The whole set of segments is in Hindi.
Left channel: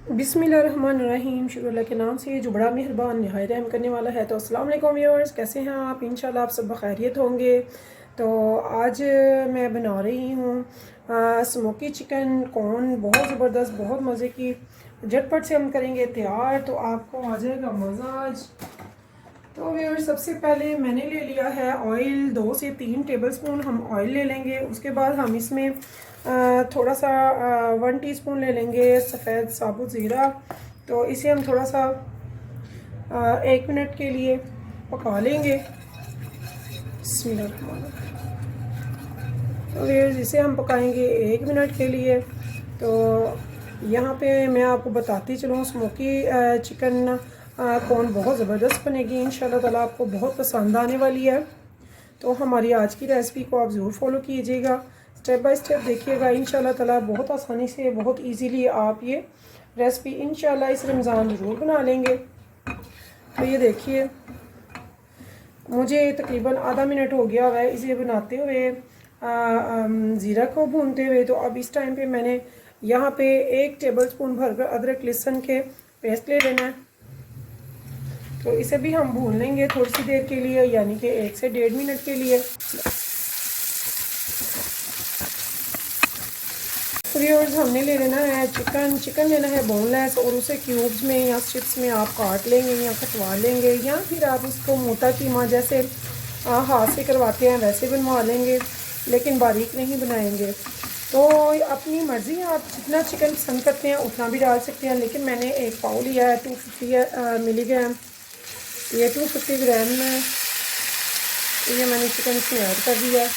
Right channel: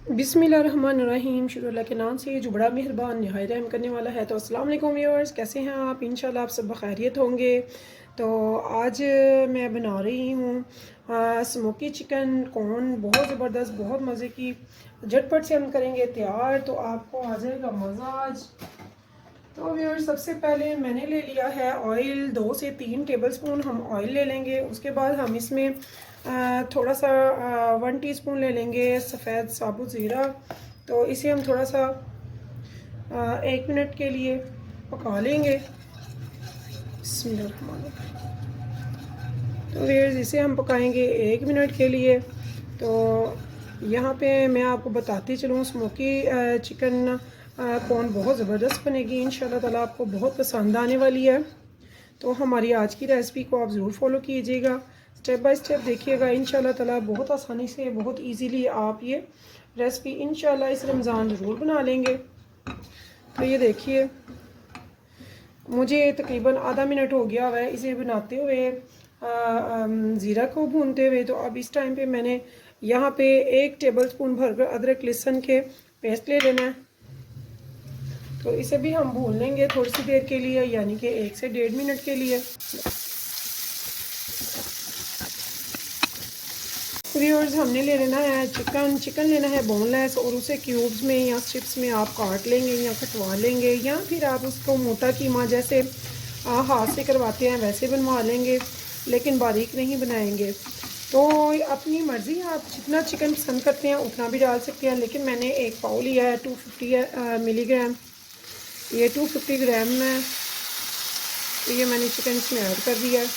बिस्मिल्लाहिर्रहमानिर्रहीम। शुरू अल्लाह के नाम से जो बड़ा मेहरबान नहायत रहम करने वाला है। तो अस्सलाम वालेकुम व्यूअर्स, कैसे हैं आप? इंशाल्लाह आप सब बखैरियत होंगे। तो आज मैं बना रही हूँ स्मोकी चिकन कॉर्न, बहुत ज़बरदस्त, बहुत मज़े की। झटपट से हम करेंगे तैयार, तो आपको आ जाएगा मज़ा आज। तो व्यूअर्स, सबसे पहले मैंने ले लिया है ऑयल, 2 से 3 टेबलस्पून हम ऑयल ले लेंगे। उसके बाद हम इसमें थोड़ा सा 1 टीस्पून ले लेंगे सफ़ेद साबुत ज़ीरा। तो इसे हम थोड़ा सा 1 मिनट के लिए पका लेंगे। तो व्यूअर्स, इसे हम पकाएंगे 1 मिनट के लिए। तो यहाँ पे मैं आपको बताती चलूँ, स्मोकी चिकन कॉर्न बहुत ज़बरदस्त बनेगी इंशाल्लाह ताला, आपको बहुत पसंद आने वाली है। तो हमारी आज की रेसिपी को आप ज़रूर फॉलो कीजिएगा, स्टेप बाय स्टेप देखिएगा इंशाल्लाह ताला। बहुत आसानी से, बहुत इजीली आप ये रेसिपी इंशाल्लाह इस रमज़ान ज़रूर बना लेंगे। तो ये देखिए, मुझे तकरीबन आधा मिनट हो गया है इसे बनाते हुए, ज़ीरा को भूनते हुए। तो अब इस टाइम पे मैंने यहाँ पे 1 टेबलस्पून भरकर अदरक लहसुन के पेस्ट ले लेना है। तो इसे भी हम भून लेंगे थोड़ी सी देर के लिए, यानी कि 1 से 1.5 मिनट के लिए। व्यूअर्स, हमने ले लेना है चिकन लेना है बोनलेस, और उसे क्यूब्स में या स्ट्रिप्स में आप काट लेंगे या कटवा लेंगे, या फिर आप उसको मोटा कीमा जैसे हाथ से करवाते हैं वैसे बनवा लेंगे, लेकिन बारीक नहीं बनाएंगे। तो अपनी मर्ज़ी, आप जितना चिकन पसंद करते हैं उतना भी डाल सकते हैं, लेकिन मैंने 1 पाव लिया है 250 मिलीग्राम, ये 250 ग्राम है। तो ये मैंने चिकन इसमें ऐड कर दिया,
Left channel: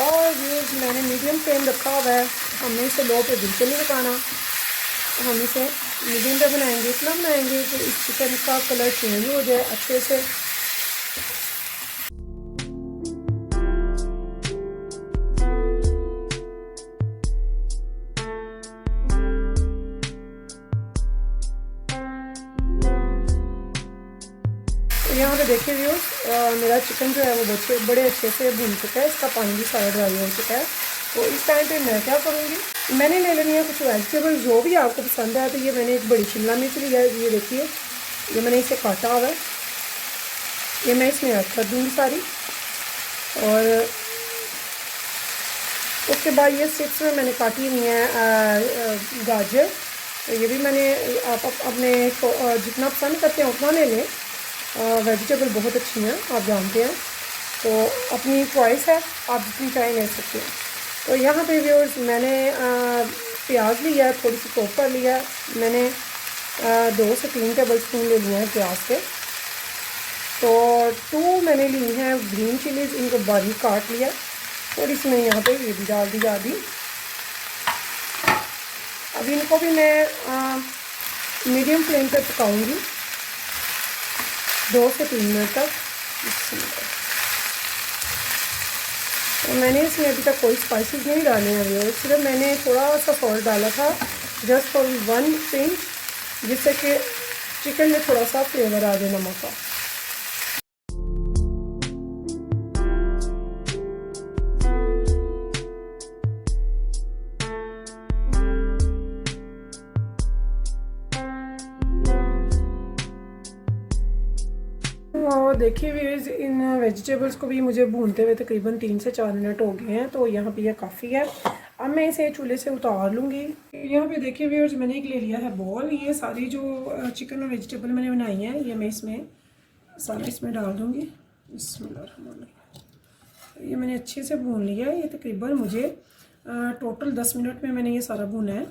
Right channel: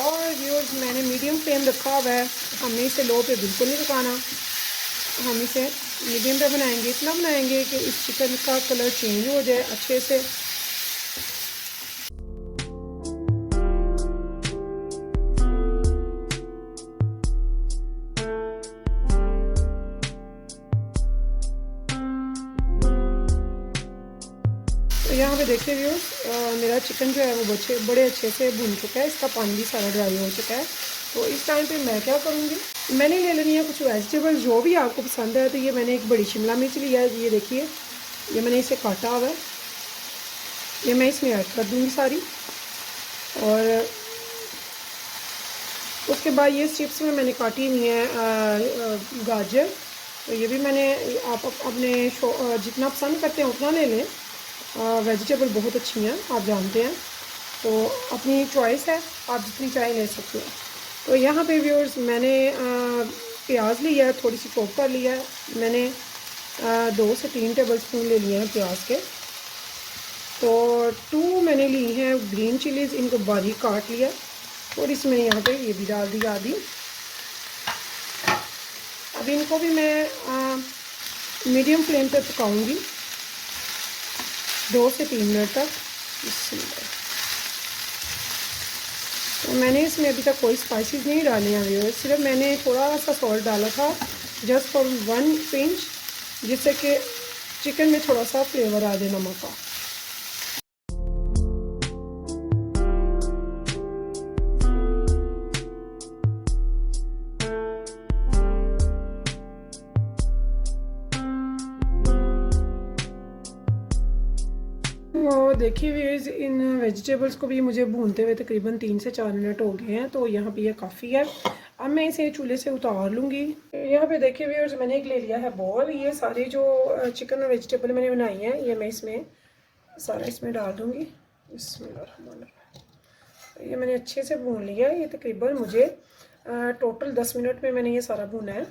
और ये मैंने मीडियम फ्लेम रखा हुआ है। हमने इसे लो पे बिल्कुल नहीं पकाना, हम इसे मीडियम पे बनाएंगे। इतना बनाएंगे कि इस चिकन का कलर चेंज हो जाए अच्छे से। तो यहाँ पे देखिए मेरा चिकन जो है वो बड़े अच्छे से भून चुका है, इसका पानी भी सारा ड्राई हो चुका है। तो इस टाइम पे मैं क्या करूँगी, मैंने ले लेनी है कुछ वेजिटेबल जो भी आपको पसंद है। तो ये मैंने एक बड़ी शिमला मिर्च लिया है, ये देखिए, ये मैंने इसे काटा हुआ है, ये मैं इसमें ऐड कर दूँगी सारी। और उसके बाद ये स्ट्रिप्स में मैंने काटी हुई है गाजर। तो ये भी मैंने, आप अपने जितना पसंद करते हैं उतना ले लें। वेजिटेबल बहुत अच्छी हैं, आप जानते हैं, तो अपनी चॉइस है, आप जितनी चाहे ले सकते हैं। तो यहाँ पे व्यूअर्स, मैंने प्याज लिया है, थोड़ी सी चॉप कर लिया है मैंने, 2 से 3 टेबलस्पून ले लिए हैं प्याज के। तो 2 मैंने ली हैं ग्रीन चिलीज़, इनको बारीक काट लिया, और इसमें यहाँ पे ये भी डाल दी आधी। अब इनको भी मैं मीडियम फ्लेम पे पकाऊंगी 2 से 3 मिनट तक। तो मैंने इसमें अभी तक कोई स्पाइसेस नहीं डाले हैं, सिर्फ मैंने थोड़ा सा सॉल्ट डाला था, जस्ट फॉर 1 पिंच, जिससे कि चिकन में थोड़ा सा फ्लेवर आ जाए नमक का। और देखिए व्यूअर्स, इन वेजिटेबल्स को भी मुझे भूनते हुए तकरीबन 3 से 4 मिनट हो गए हैं। तो यहाँ पे ये काफ़ी है। अब मैं इसे चूल्हे से उतार लूँगी। यहाँ पे देखिए व्यूअर्स, मैंने एक ले लिया है बॉल। ये सारी जो चिकन और वेजिटेबल मैंने बनाई हैं, ये मैं इसमें सारा इसमें डाल दूँगी। ये मैंने अच्छे से भून लिया है। ये तकरीबन मुझे टोटल 10 मिनट में मैंने ये सारा भूना है।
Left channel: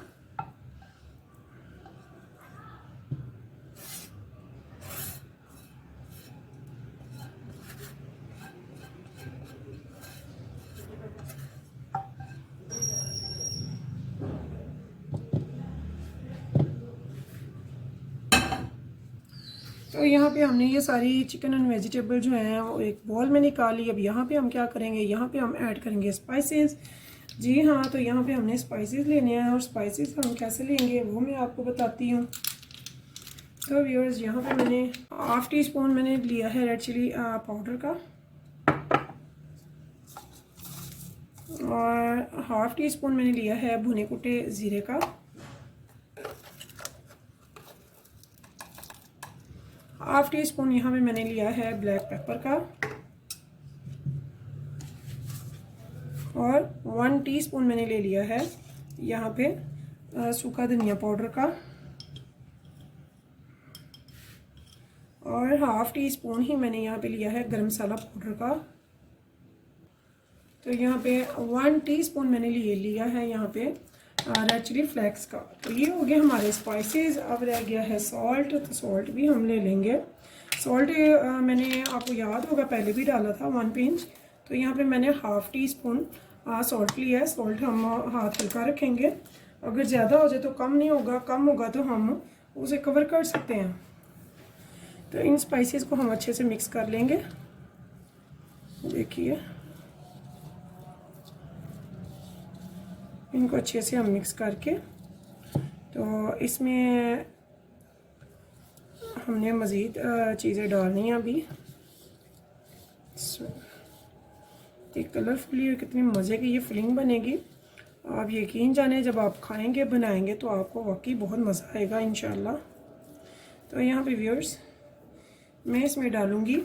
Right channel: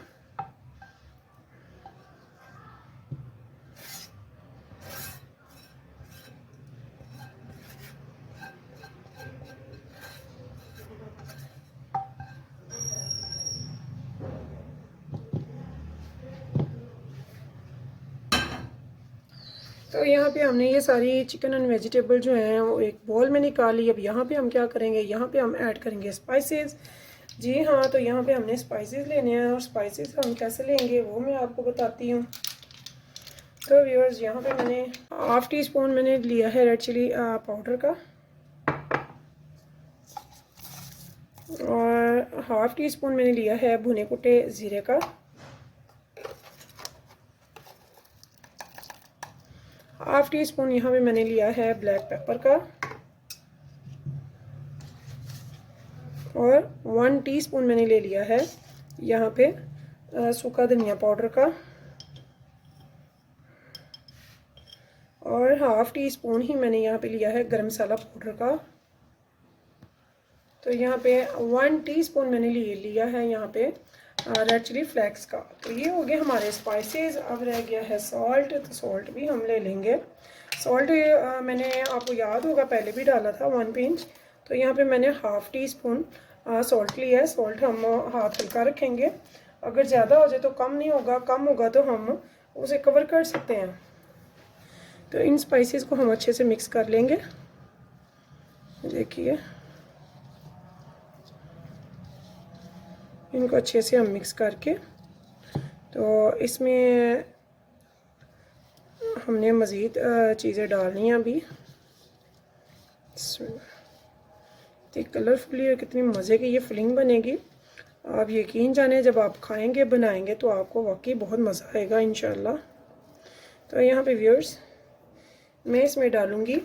तो यहाँ पे हमने ये सारी चिकन एंड वेजिटेबल जो है वो एक बॉल में निकाली। अब यहाँ पे हम क्या करेंगे, यहाँ पे हम ऐड करेंगे स्पाइसेस। जी हाँ, तो यहाँ पे हमने स्पाइसेस लेने हैं, और स्पाइसेस हम कैसे लेंगे वो मैं आपको बताती हूँ। तो व्यूअर्स, यहाँ पे मैंने 1/2 टीस्पून मैंने लिया है रेड चिली पाउडर का, और 1/2 टीस्पून मैंने लिया है भुने कुटे ज़ीरे का, हाफ टी स्पून यहाँ पे मैंने लिया है ब्लैक पेपर का, और 1 टीस्पून मैंने ले लिया है यहाँ पे सूखा धनिया पाउडर का, और हाफ टी स्पून ही मैंने यहाँ पे लिया है गरम मसाला पाउडर का। तो यहाँ पे 1 टीस्पून मैंने लिया है यहाँ पे रेड चिली फ्लेक्स का। तो ये हो गए हमारे स्पाइसेस। अब रह गया है सॉल्ट, तो सॉल्ट भी हम ले लेंगे। सॉल्ट मैंने आपको याद होगा पहले भी डाला था 1 पिंच। तो यहाँ पे मैंने हाफ टी स्पून सॉल्ट लिया है। सॉल्ट हम हाथ हल्का रखेंगे, अगर ज़्यादा हो जाए तो कम नहीं होगा, कम होगा तो हम उसे कवर कर सकते हैं। तो इन स्पाइसेस को हम अच्छे से मिक्स कर लेंगे। देखिए इनको अच्छे से हम मिक्स करके, तो इसमें हमने मज़ीद चीज़ें डालनी हैं अभी। कलरफुली और कितनी मज़े की ये फिलिंग बनेगी। आप यकीन जाने जब आप खाएंगे बनाएंगे तो आपको वाकई बहुत मज़ा आएगा इंशाल्लाह। तो यहाँ पे व्यूअर्स मैं इसमें डालूँगी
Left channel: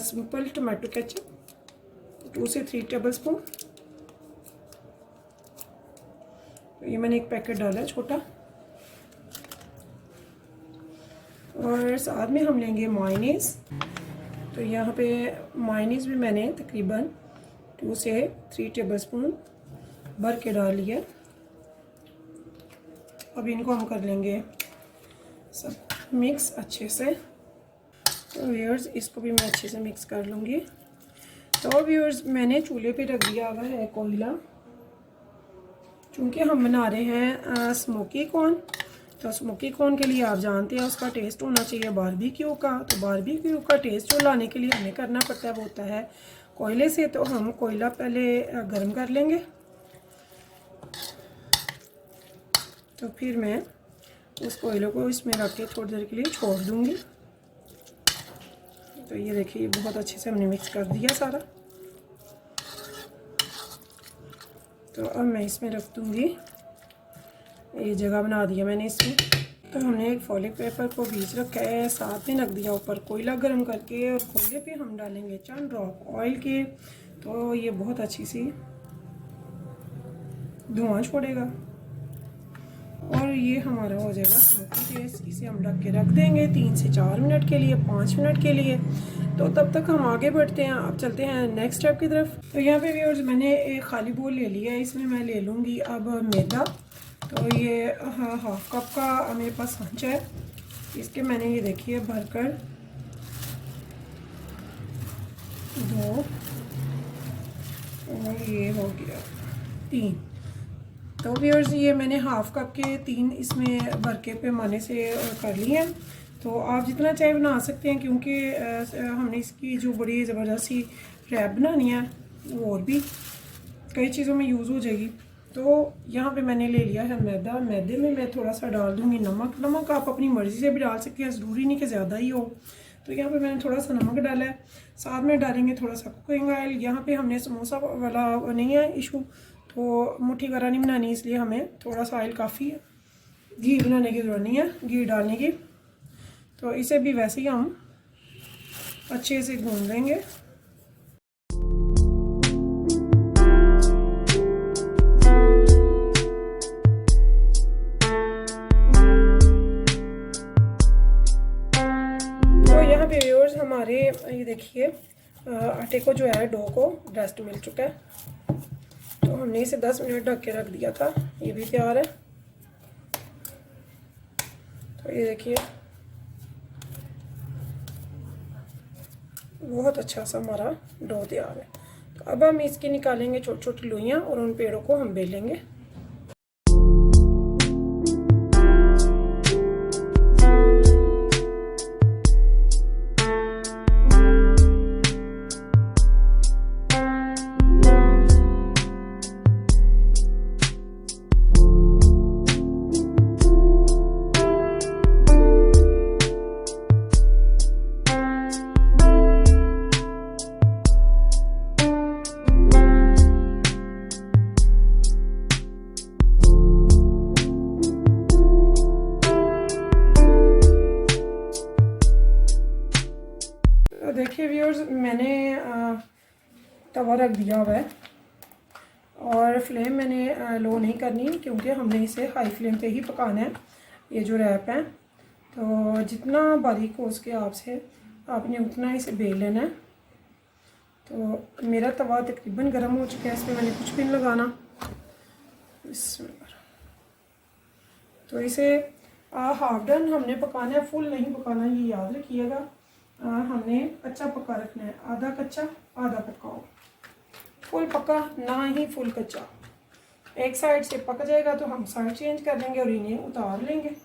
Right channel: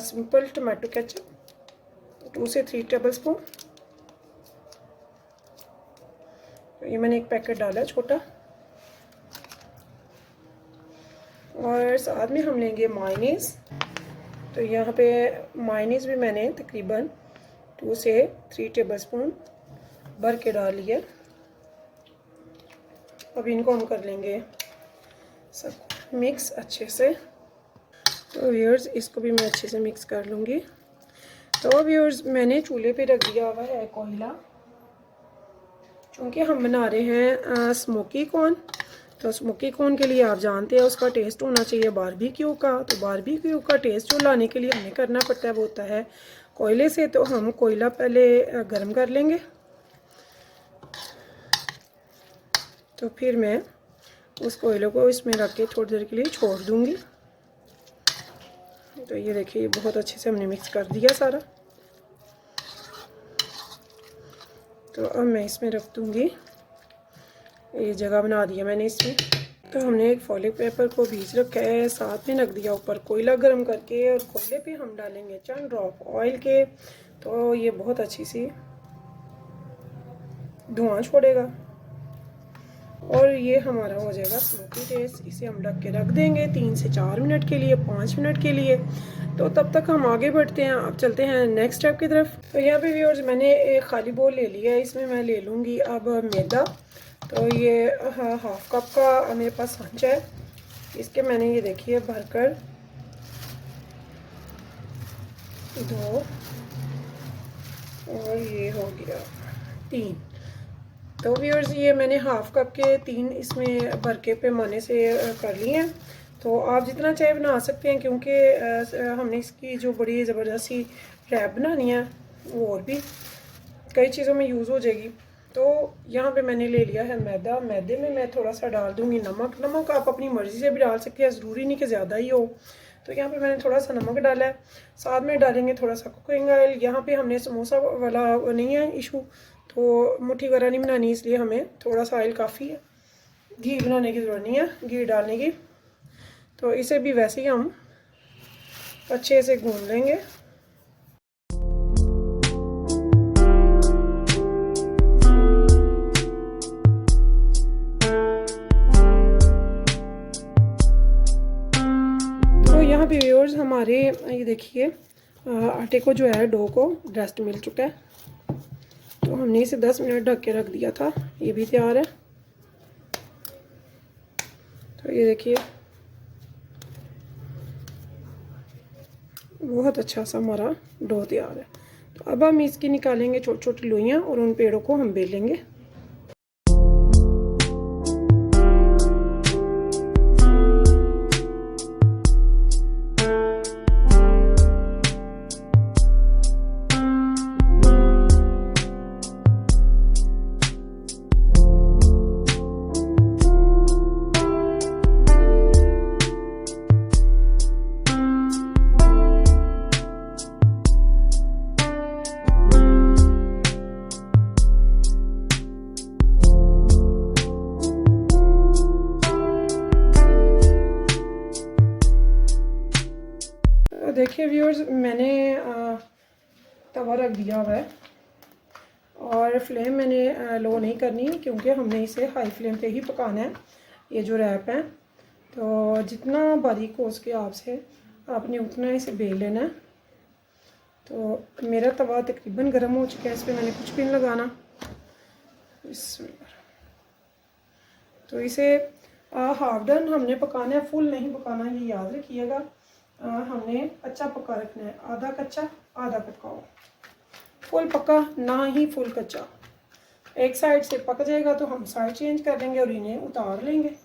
सिंपल टमाटो केचप 2 से 3 टेबलस्पून। ये मैंने एक पैकेट डाला है छोटा, और साथ में हम लेंगे मायोनीज़। तो यहाँ पे मायोनीज़ भी मैंने तकरीबन 2 से 3 टेबलस्पून भर के डाल लिया। अब इनको हम कर लेंगे सब मिक्स अच्छे से। तो व्यूअर्स इसको भी मैं अच्छे से मिक्स कर लूँगी। तो व्यूअर्स मैंने चूल्हे पे रख दिया हुआ है कोयला, चूँकि हम बना रहे हैं स्मोकी कॉर्न। तो स्मोकी कॉर्न के लिए आप जानते हैं उसका टेस्ट होना चाहिए बारबेक्यू का। तो बारबेक्यू का टेस्ट जो लाने के लिए हमें करना पड़ता है वो होता है कोयले से। तो हम कोयला पहले गर्म कर लेंगे, तो फिर मैं उस कोयले को इसमें रख के थोड़ी देर के लिए छोड़ दूँगी। तो ये देखिए बहुत अच्छे से हमने मिक्स कर दिया सारा। तो अब मैं इसमें रख दूँगी, ये जगह बना दिया मैंने इसमें। तो हमने एक फॉलिक पेपर को बीच रखा है, साथ में रख दिया ऊपर कोयला गर्म करके, और कोयले पे हम डालेंगे चंद ड्रॉप ऑयल के। तो ये बहुत अच्छी सी धुआं छोड़ेगा और ये हमारा हो जाएगा स्मोकी टेस्ट। इसे हम ढक के रख देंगे 3 से 4 मिनट के लिए, 5 मिनट के लिए। तो तब तक हम आगे बढ़ते हैं, अब चलते हैं नेक्स्ट स्टेप की तरफ। तो यहाँ पे व्यूअर्स मैंने एक खाली बोल ले लिया है, इसमें मैं ले लूँगी अब मैदा। तो ये हाफ कप का मेरे पास सांचा है, इसके मैंने ये देखिए भरकर 2 और ये हो गया 3। तो व्यूअर्स ये मैंने हाफ कप के 3 इसमें भर के पैमाने से कर लिए हैं। तो आप जितना चाय बना सकते हैं, क्योंकि हमने इसकी जो बड़ी ज़बरदस्ती रैप बनानी है वो और भी कई चीज़ों में यूज़ हो जाएगी। तो यहाँ पे मैंने ले लिया है मैदा। मैदे में मैं थोड़ा सा डाल दूँगी नमक। नमक आप अपनी मर्ज़ी से भी डाल सकते हैं, ज़रूरी नहीं कि ज़्यादा ही हो। तो यहाँ पे मैंने थोड़ा सा नमक डाला है, साथ में डालेंगे थोड़ा सा कुकिंग ऑयल। यहाँ पे हमने समोसा वाला नहीं है इशू, तो मुट्ठी वगैरह नहीं बनानी, इसलिए हमें थोड़ा सा ऑयल काफ़ी है, घी बनाने की ज़रूरत नहीं है घी डालने की। तो इसे भी वैसे ही हम अच्छे से गूंद लेंगे। तो यहाँ पे व्यूअर्स हमारे ये देखिए आटे को जो है डो को रेस्ट मिल चुका है। तो हमने इसे 10 मिनट ढक के रख दिया था, ये भी तैयार है। तो ये देखिए बहुत अच्छा सा हमारा डो तैयार है। तो अब हम इसकी निकालेंगे छोटी छोटी लोइयाँ और उन पेड़ों को हम बेलेंगे। देखिए व्यूअर्स, मैंने तवा रख दिया हुआ है और फ्लेम मैंने लो नहीं करनी क्योंकि हमने इसे हाई फ्लेम पे ही पकाना है। ये जो रैप है तो जितना बारीक हो उसके आपसे आपने उतना इसे बेल लेना है। तो मेरा तवा तकरीबन गर्म हो चुका है, इस पर मैंने कुछ भी नहीं लगाना। तो इसे हाफ डन हमने पकाना है, फुल नहीं पकाना, ये याद रखिएगा। हमने अच्छा पका रखना है, आधा कच्चा आधा पकाओ, फुल पका ना ही फुल कच्चा। एक साइड से पक जाएगा तो हम साइड चेंज कर लेंगे और इन्हें उतार लेंगे।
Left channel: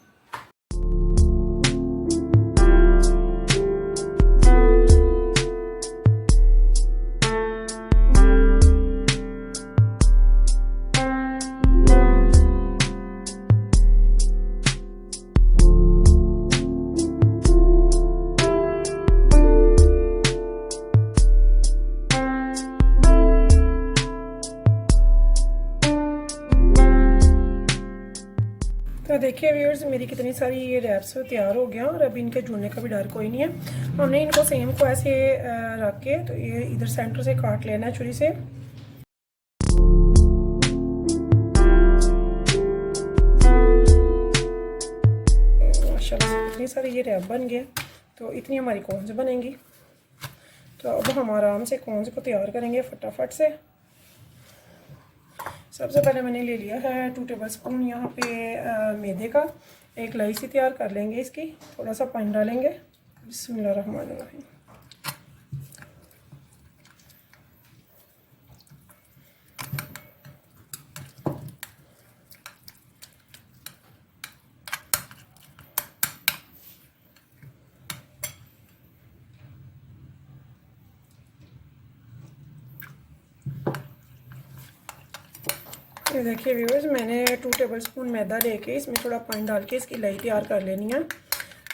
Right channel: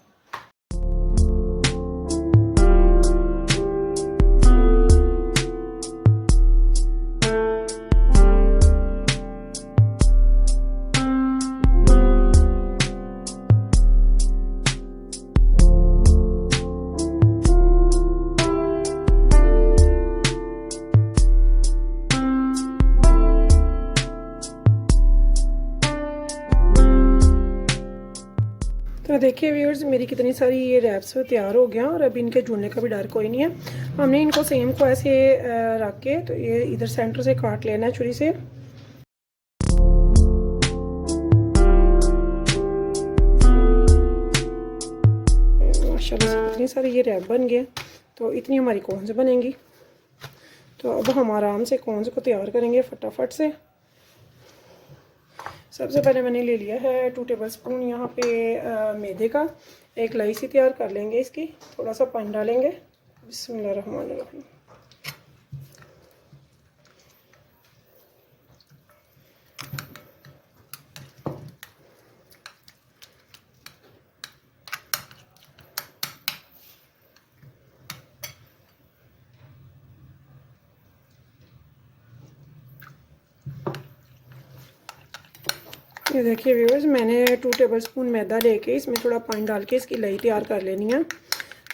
तो देखिए व्यूअर्स, मेरी कितनी सारी ये रैप्स तैयार हो गया और अभी इनके जुड़ने का भी डर कोई नहीं है। हमने इनको सेम को ऐसे रख के तो ये इधर सेंटर से काट लेना है छुरी से। माशाल्लाह इतनी सारी ये रैप बन गए, तो इतनी हमारी कॉर्न्स बनेंगी। तो अब हम आराम से कॉर्न्स को तैयार करेंगे फटाफट से। सबसे पहले मैंने ले लिया है 2 टेबल स्पून यहाँ पे मैदे का। एक लाई सी तैयार कर लेंगे इसकी, थोड़ा सा पानी डालेंगे। बिस्मिल्लाहिर्रहमानिर्रहीम। ये देखिए व्यूअर्स, मैंने 2 टेबल स्पून मैदा लेके इसमें थोड़ा पानी डाल के इसकी लई तैयार कर लेनी है।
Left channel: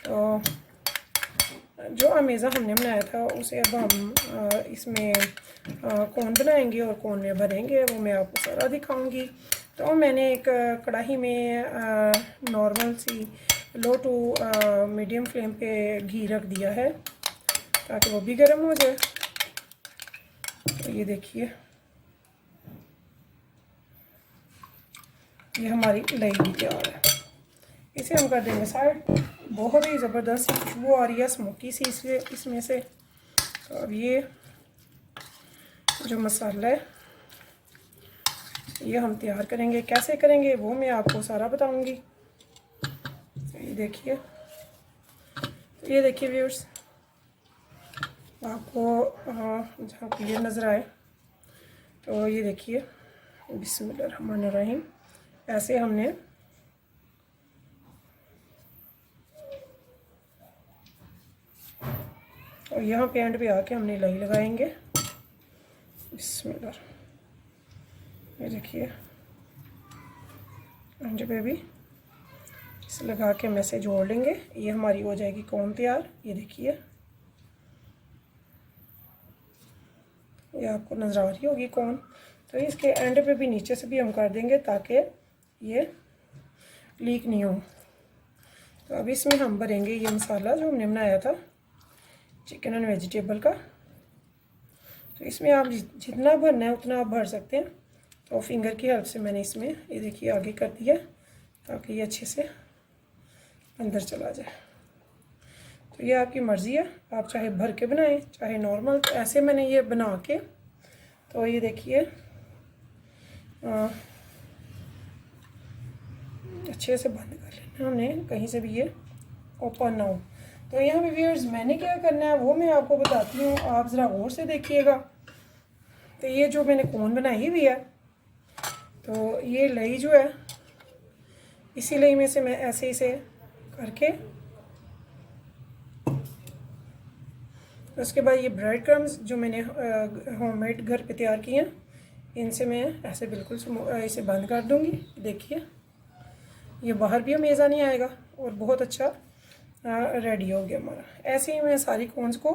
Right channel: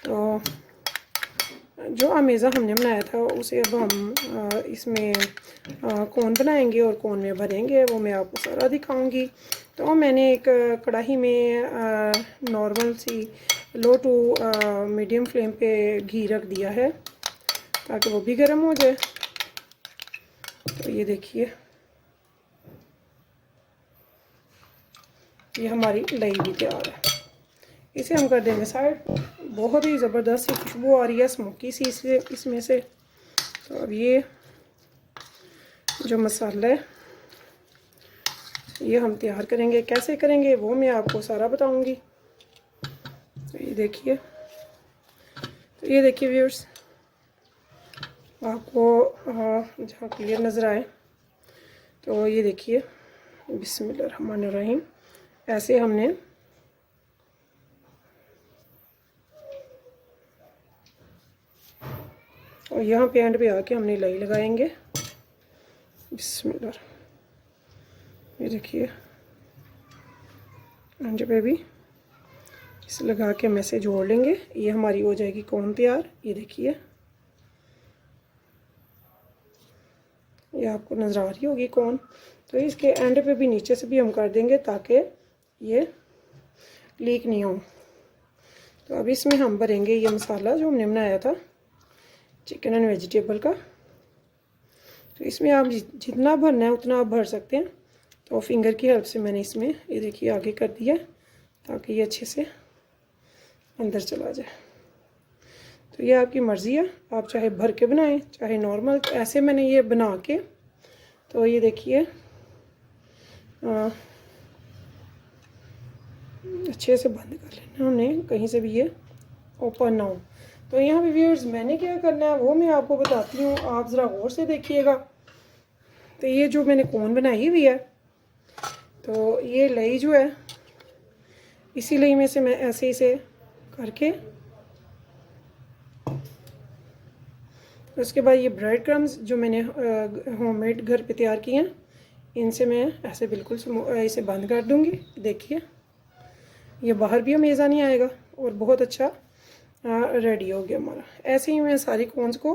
तो जो अमेज़ा हमने बनाया था उसे अब हम इसमें कोन बनाएंगे और कोन में भरेंगे, वो मैं आपको सारा दिखाऊंगी। तो मैंने एक कढ़ाई में नॉर्मल सी लो टू मीडियम फ्लेम पे घी रख दिया है ताकि वो भी गर्म हो जाए। तो ये देखिए, ये हमारी लई भी तैयार है। इसे हम कर देंगे साइड। बहुत ही ज़बरदस्त खुशबू आ रही है स्मोकी सी इसमें से। तो अब ये जो मसाला है ये हम तैयार करेंगे। कैसे करेंगे वो मैं आपको सारा बताऊंगी। तो ये देखिए, व्यूअर्स, आपको जहाँ क्लियर नज़र आए तो ये देखिए, बिस्मिल्लाहिर्रहमानिर्रहीम। ऐसे हमने और यहाँ पे एंड पे आके हमने लाई लगाएंगे। बिस्मिल्लाह, ये देखिए एंड पे भी इसे लगा के हम ऐसे जोड़ लेंगे। ये हमारी हो जाएगी कोन तैयार। ये देखिए, ये आपको नज़र आ रही होगी कोन। तो इसके एंड पे भी नीचे से भी हम कर देंगे ताकि ये लीक नहीं हो। तो अब इसमें हम भरेंगे ये मसाला जो हमने बनाया था चिकन एंड वेजिटेबल का। तो इसमें आप जितना भरना है उतना आप भर सकते हैं। तो फिंगर की हेल्प से मैंने इसमें ये देखिए आगे कर दिया ताकि ये अच्छे से अंदर चला जाए। तो ये आपकी मर्ज़ी है, आप चाहे भर के बनाएं चाहे नॉर्मल। तो ऐसे मैंने ये बना के, तो ये देखिए अच्छे से बंद कर लेना हमने, कहीं से भी ये ओपन ना हो। तो यहाँ पे व्यूअर्स मैंने क्या करना है वो मैं आपको बताती हूँ, आप ज़रा गौर से देखिएगा। तो ये जो मैंने कोन बनाई हुई है, तो ये लई जो है इसी लई में से मैं ऐसे इसे करके, उसके बाद ये ब्रेड क्रम्स जो मैंने होममेड घर पे तैयार किए हैं, इनसे मैं ऐसे बिल्कुल इसे बंद कर दूँगी। देखिए, ये बाहर भी अमेज़ा नहीं आएगा और बहुत अच्छा रेडी हो गया हमारा। ऐसे ही मैं सारी कोन्स को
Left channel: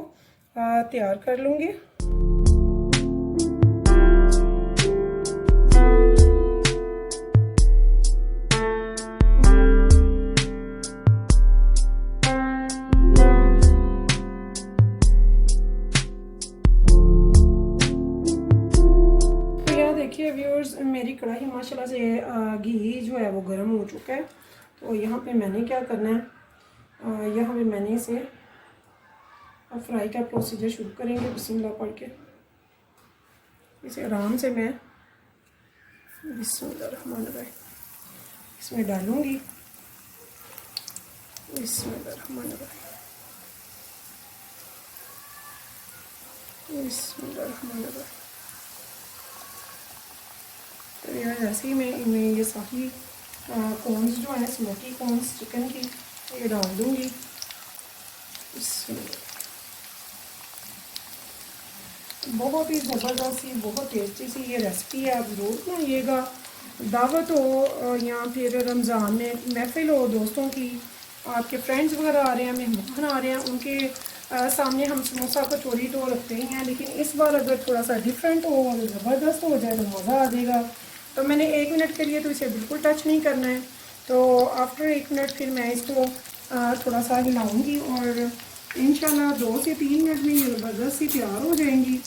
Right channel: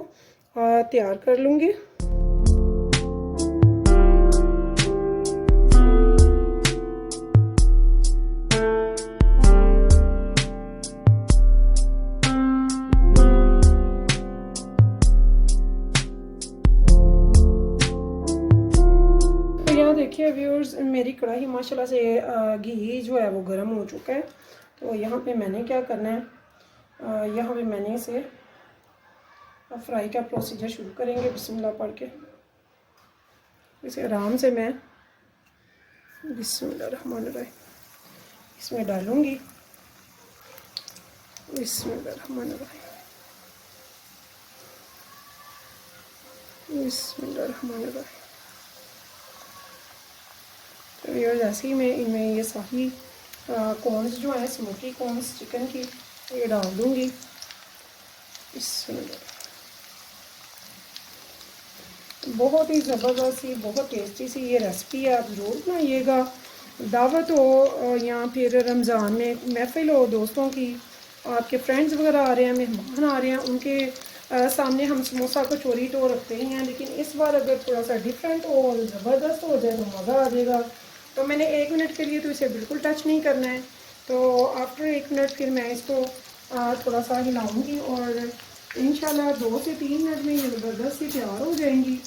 तैयार कर लूँगी। माशाल्लाह से घी जो है वो गर्म हो चुका है। तो यहाँ पे मैंने क्या करना है, यहाँ पे मैंने इसे फ्राई का प्रोसीजर शुरू करेंगे बिस्मिल्लाह पढ़ के। इसे आराम से मैं बिस्मिल्लाहिर्रहमानिर्रहीम इसमें डालूँगी। बिस्मिल्लाहिर्रहमानिर्रहीम बिस्मिल्लाहिर्रहमानिर्रहीम। तो ये जैसे ही मैं इनमें ये सारी कॉर्न्स जो हैं, स्मोकी कॉर्न्स चिकन की, ये डाल दूँगी। बहुत ही ज़बरदस्त सी, बहुत टेस्टी सी ये रेसिपी है, आप ज़रूर बनाइएगा। दावत हो या फिर रमज़ान में महफिल हो दोस्तों की, आपके फ्रेंड्स वगैरह आ रहे हैं, मेहमान आ रहे हैं, उनके सामने हम समोसा कचौरी तो रखते ही हैं, लेकिन इस बार अगर थोड़ा सा डिफरेंट हो, ज़बरदस्त हो जाए तो मज़ा आ जाएगा। तो मैंने 1 मिनट के लिए तो इसे बिल्कुल टच नहीं करना है। तो आफ्टर 1 मिनट फिर मैं इसको थोड़ा सा हिलाऊंगी और इंशाल्लाह 2 से 3 मिनट में ये ज़बरदस्त सी तैयार हो जाएंगी।